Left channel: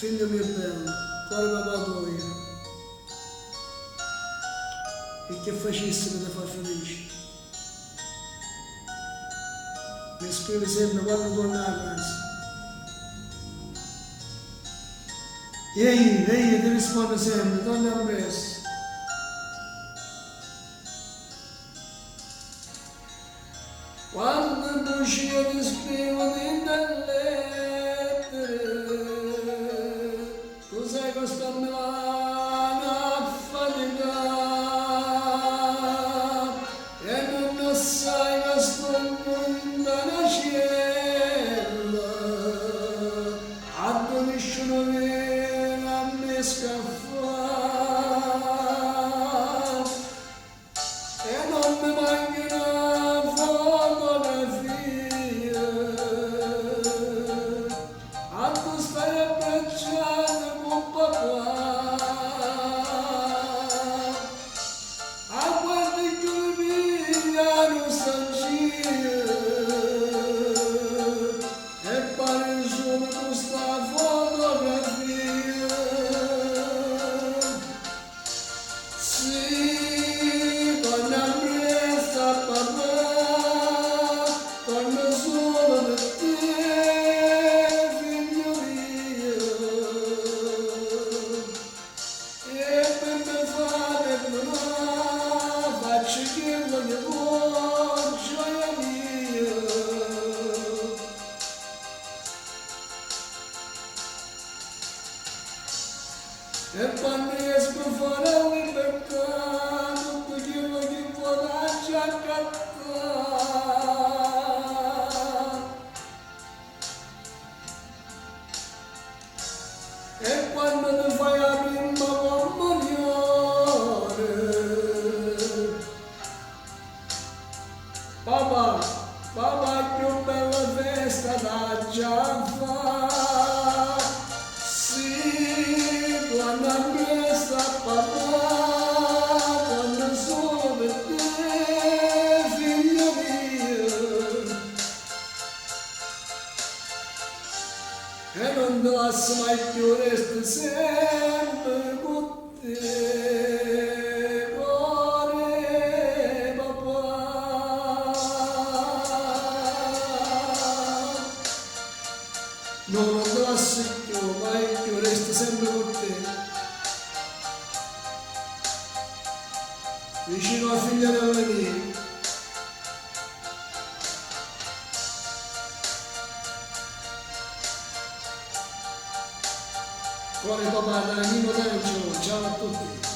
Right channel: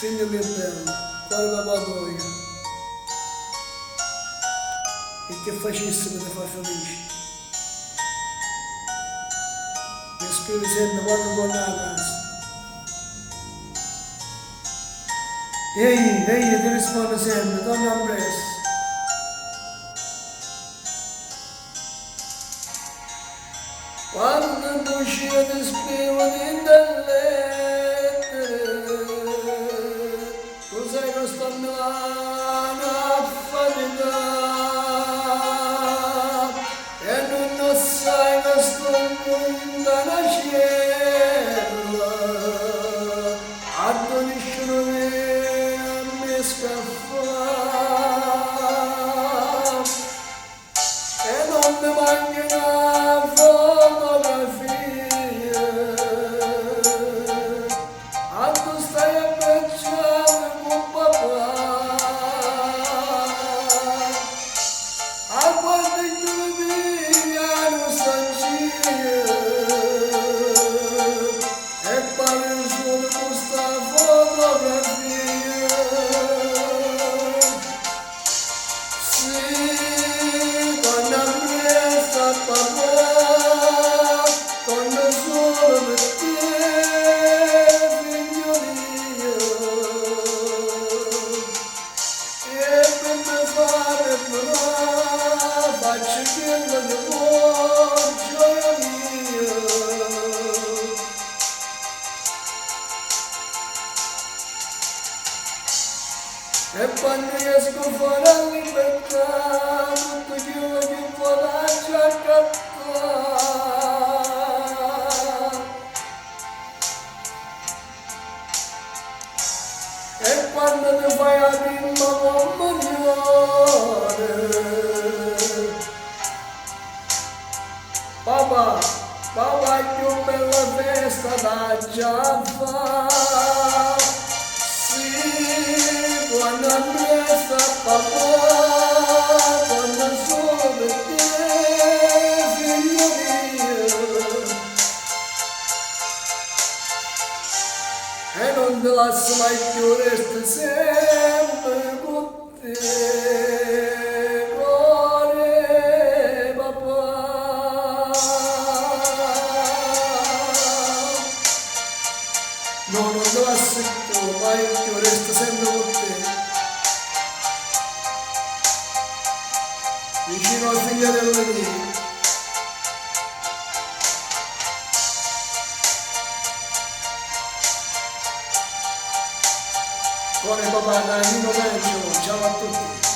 Figlio mio bello, quale papà vuoi? E che facessi per ti far felice? Mi scrivi sempre quando torna a casa. Ehi, ti rispondo sempre, torna presto. Quando tu uscire ti scrivo di lettere, tu sai che sto a Milano a faticare e non sai che sto in una cella, a dove nessuno viene a me scaffare e non mi manca una fotografia, a tu stai abbracciato con papà, a quando io mi nostalgia e pare solo questa fotografia. Sì, torna presto papà, torna solo per te, figlio mio, e per me fare però faccio che non ne vuoi, gioia mia. E quando esco fuori a libertà, tutto quello che vuole già accattare. E quando ti fai la prima comunione, papà, papà è più bella festa da già fare. Sì, quando appresta papà, quando solo per te, figlio mio, e non ti lascio mai più, resti sempre con te, cuore papà. No, non te lascio più, mai più, resto sempre con te. Vicino al figlio del venire. Cuore papà, da Nino D'Angelo, ciao a tutti.